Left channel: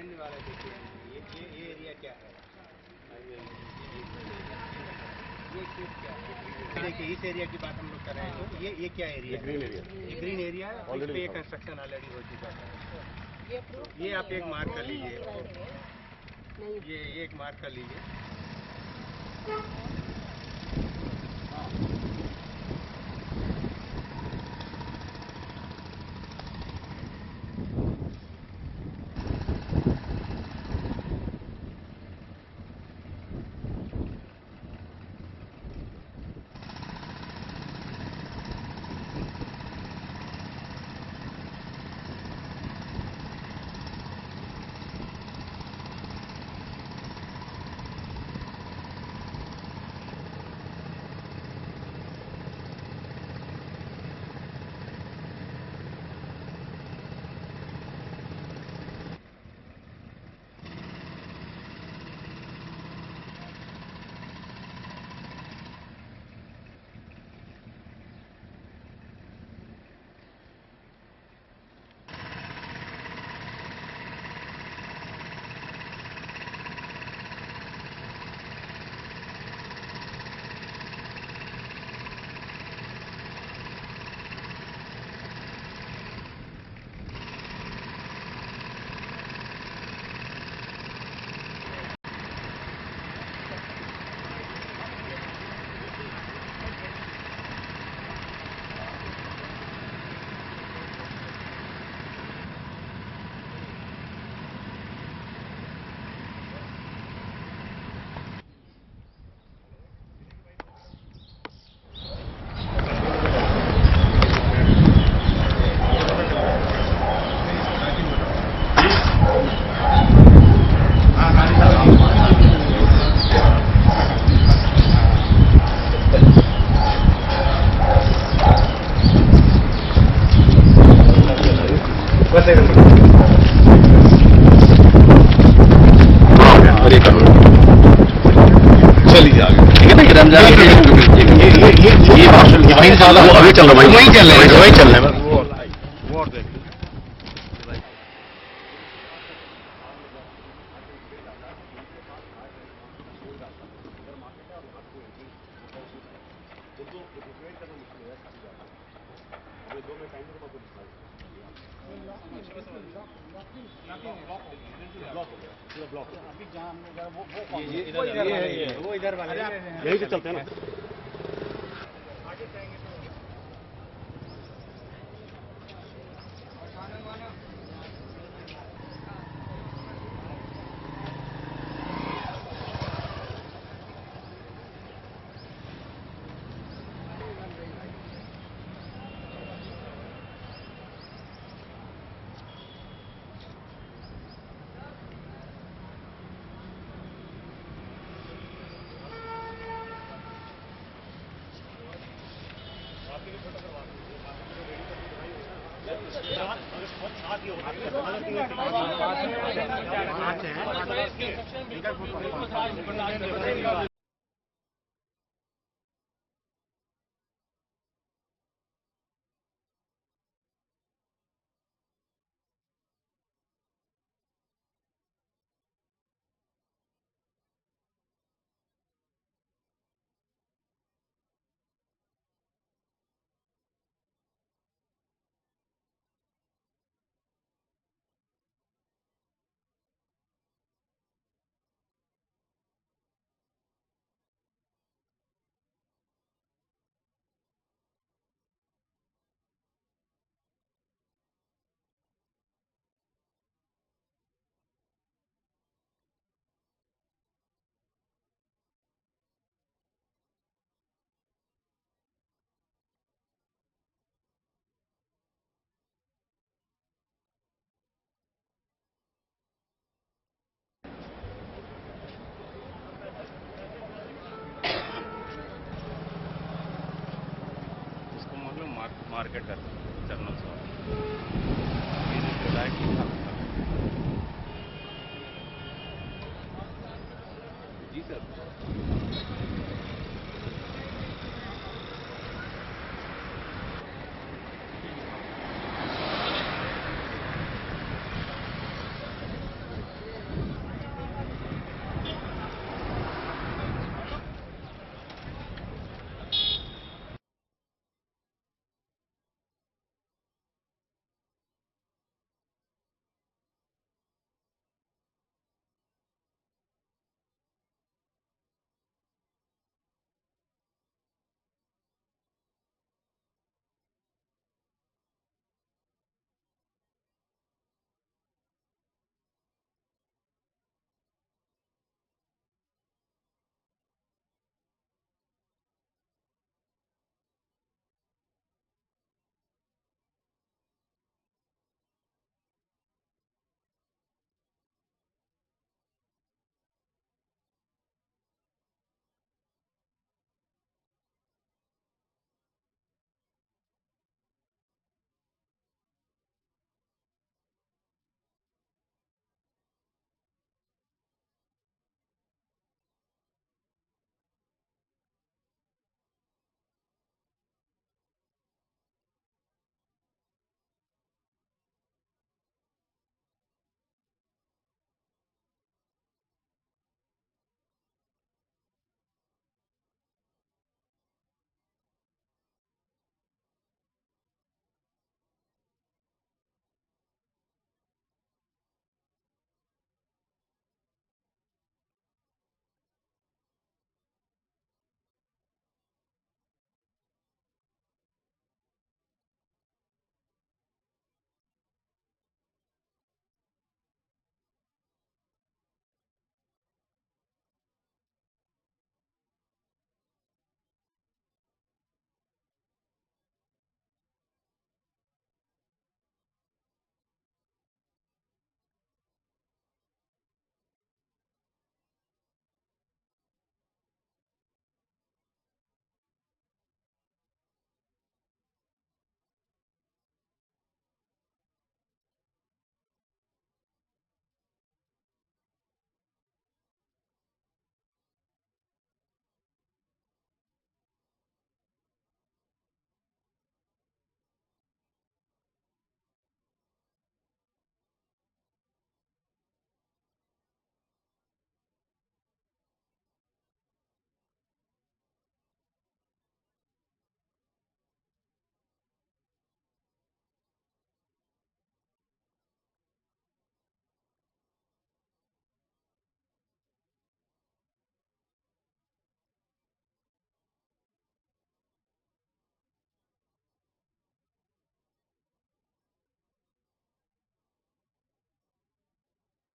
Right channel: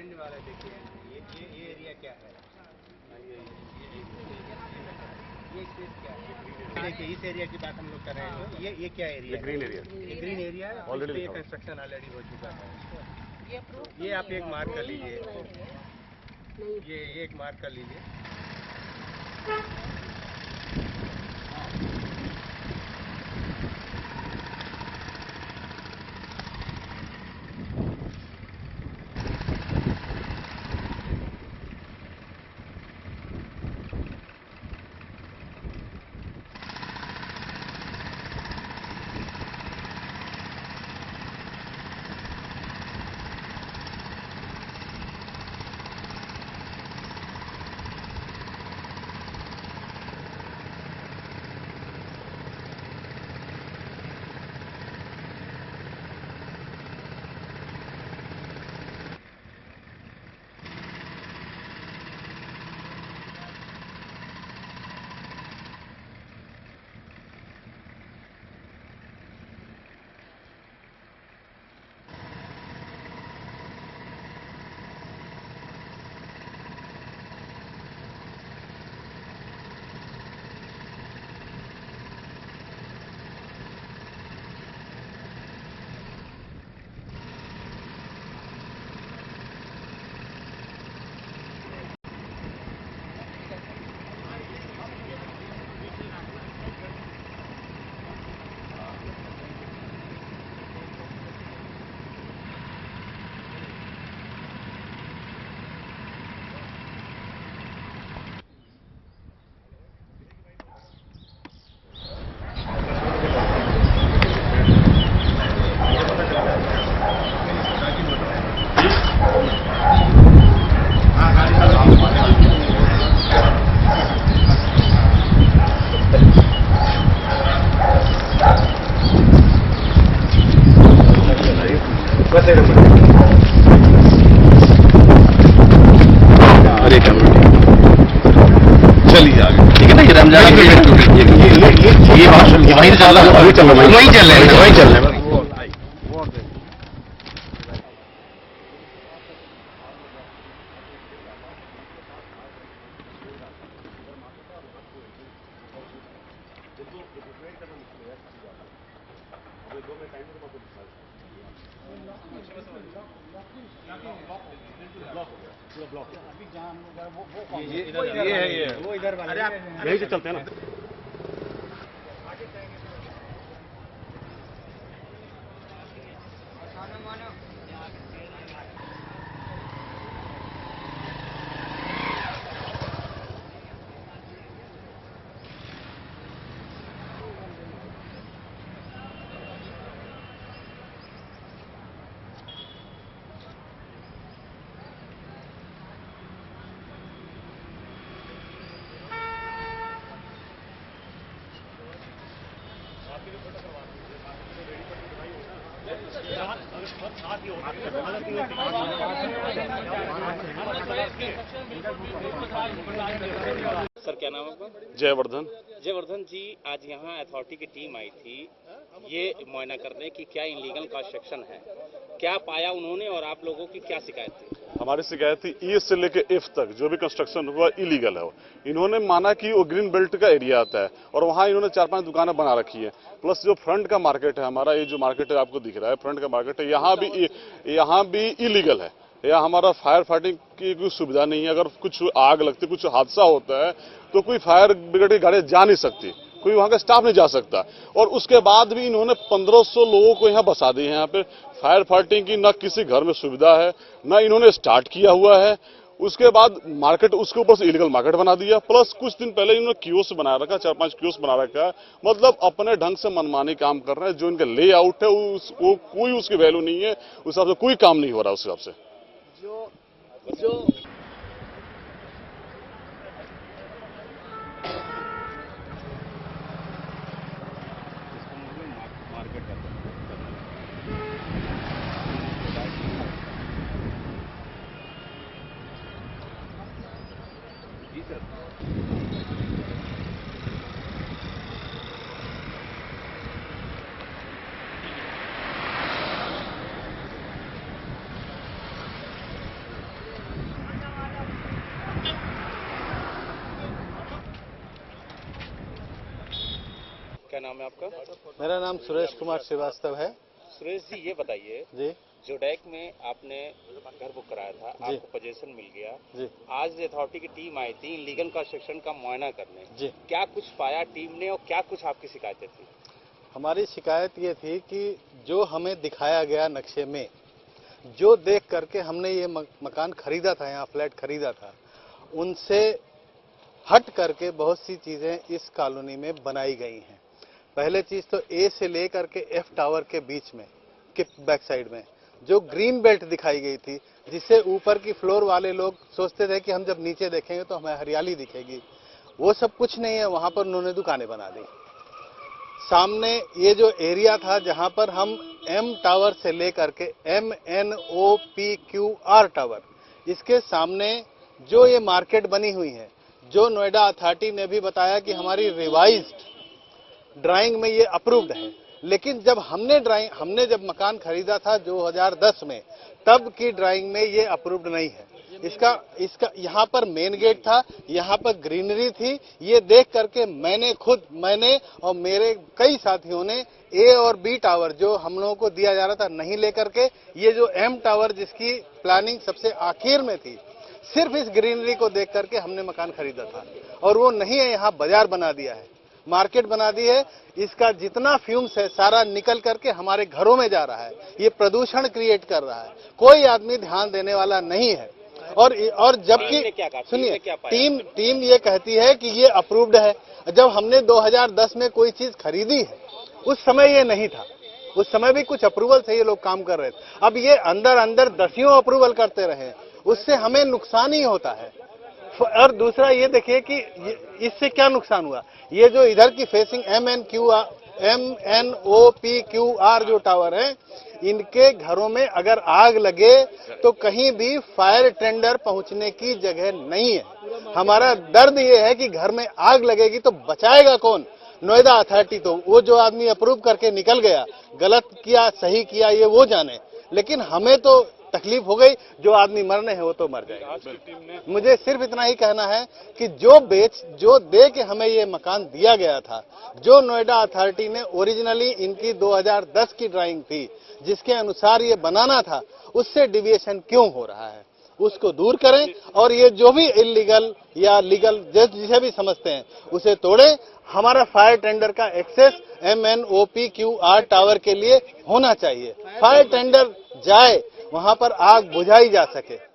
And वाला देखिए, ये एरिया क्या है, ये क्या है? देखिए इस एरिया की बात हम लोग कर रहे हैं, तो ये क्या एरिया है? Green area. ये ग्रीन एरिया है, ऑलरेडी ये कंस्ट्रक्शन ऑलरेडी हो चुका है। ये आप एक मार्क कर लीजिए, ये एक मार्क कर लीजिए। बस एक नंबर। और एक चलिए आगे, ठीक है ना। ये रमजान ये वहीं चल रहा है, अभी चल रहा है, वहीं चल रहे हैं, वहीं चल रहे हैं। वो इधर वाला यहीं से चलते हैं ना। सर क्या नाम है आपका? जयवर्धन। जयवर्धन जी, आज यहाँ अथॉरिटी की टीम आई थी ये मुआयना करने की क्या इलीगल कंस्ट्रक्शन है, क्या पाया उन्होंने और आप लोगों की क्या शिकायत थी? हमारी शिकायत थी ए से लेकर एफ तक जो भी कंस्ट्रक्शन हुआ इलीगल है। इन्होंने माना कि वो ग्रीन बेल्ट का एरिया आता है और वहाँ इन्होंने 4-5 दुकानें बना रखी है। प्लस जो फ्रंट का मार्केट है हमारा, ये जो मार्केट है आपको दिख रहा है, फ्रंट का मार्केट है, यहाँ भी इलीगल है। यहाँ हमारा फायर फाइटिंग की कोई सुविधा नहीं है। अगर कुछ आग लगती, कुछ हादसा होता है तो कोई फायर ब्रिगेड की गाड़ी जा नहीं सकती, कोई वहां का स्टाफ नहीं जा सकता। और उसके बाद भी इन्होंने 1500 लोगों को यहाँ बसा दिए हैं। यहाँ पे फायर फाइटिंग की न किसी घर में सुविधा है, न इन्होंने स्टार्ट किया हुआ है। उसके बाद मार्केट, उसके ऊपर से इलीगल मार्केट बना दिया। प्लस कुछ दिन पहले इन्होंने कियोस्क बना रखा, 4-5 कियोस्क बना रखा है। मतलब अपने ढंग से मनमानी काम कर रहे हैं। जो इनका लेआउट है वो कोई उसकी वैल्यू नहीं है, उस हिसाब से कोई काम नहीं हो रहा उस हिसाब से। जो मार्केट करना जी सर। क्या नाम है आपका? मेरा नाम सुरेश कुमार श्रीवास्तव है सुरेश जी, ये बताइए, जी। जोडैक में आपने घर बुक कराया था, आपको पोजीशन मिल गया जी। आज अथॉरिटी की टीम आई थी इलीगल कंस्ट्रक्शन का मुआयना करने जी। क्या कुछ पाया टीम ने और क्या कुछ आपकी शिकायतें थी? हमारी शिकायत ये थी कि जो हमें दिखाया गया नक्शे में, जो देख करके हमने ये मकान खरीदा था, यहाँ फ्लैट खरीदा था, उनसे हट करके बहुत सी चीजें इस कॉलोनी में बनाई गई हैं। पहले चीज तो ए से लेकर के एफ टावर के बीच में के बैक साइड में जो ग्रीन बेल्ट दिखाई गई थी, जिससे ऊपर की फ्लोर वाले लोग सोचते थे कि हम जब नीचे देखेंगे तो हमें हरियाली दिखेगी, वो सब कुछ नहीं है। वहां पर उन्होंने दुकानें बना दी। सामने ये जो एरिया था जहां पर हम एम टावर से लेकर के MNOPQR टावर, इसके सामने जो ये मार्केट बनी हुई है, जो नोएडा अथॉरिटी ने भी बताया कि हमारी रिवाइज्ड ड्राइंग में ये अप्रूव्ड है, लेकिन जब हमने जब मकान खरीदा था 2010 में, तब की ड्राइंग में ये अप्रूव्ड नहीं है। इसका यहाँ पर मेन गेट था, यहाँ पर ग्रीनरी थी। ये देख करके मैंने और मेरे कई साथियों ने ए और बी टावर जो हम लोगों को दिया जा रहा था नहीं लेकर के, ये जो एम टावर जिसकी प्लानिंग सबसे आखिर में थी, सिर्फ इस ग्रीनरी को देख करके हमने मकान खरीदा था। और वो नहीं है, यहाँ बाजार बना दिया है, मार्केट बना दी है। इसका जितना फ्यूम्स है सारा निकल करके हमारे घरों में जा रहा है। ये प्रदूषण क्रिएट कर रहा है। कोई आदमी ध्यान देने वाला नहीं है। और जबकि सुनिए, टीम ये कहती है कि ये अप्रूव्ड है। जब हमने 2010 में कोई चीज खरीदी है, उस समय ये नहीं था। उस समय भी कुछ अप्रूवल से ये लोग काम कर रहे थे। अब ये अंदर दसियों अप्रूवल करते रहे, उससे हमें नुकसान ही होता है। और दूसरा ये देखिए कि इससे क्या नुकसान हुआ। ये जो इधर की फेसिंग MNOPQR जो टावर है, इनके घरों में अगर आग लगे तो कहीं भी फायर टेंडर पहुंचने की जगह नहीं है। हमारा दर्द ये है कि घर में आग लगेगी तो बचाएगा कौन? नोएडा अथॉरिटी। तो वो जो आदमी अप्रूव करके निकल गया, गलत किया सही किया ये वो जाने, लेकिन हमें तो तकलीफ हो गई। जो आदमी मरने हैं वो तो मर जाएगा। मुझे सिर्फ इतना ही कहना है कि जो दे के हमें ये मकान दिया गया था, जो नोएडा अथॉरिटी ने ओरिजिनली इनकी 2010 की ड्राइंग थी जिसके अनुसार ये बनाना था, उससे डिविएशन क्यों हो रहा है, उसको दूर करें। और ये जो भी इलीगल या लीगल जिसे भी समझते हैं उसे तोड़ें। हमारा फायर टेंडर का एक्सेस MNOPQR टावर के लिए होना चाहिए। फायर टेंडर जाए, वहां पर आग बुझाई जा सके।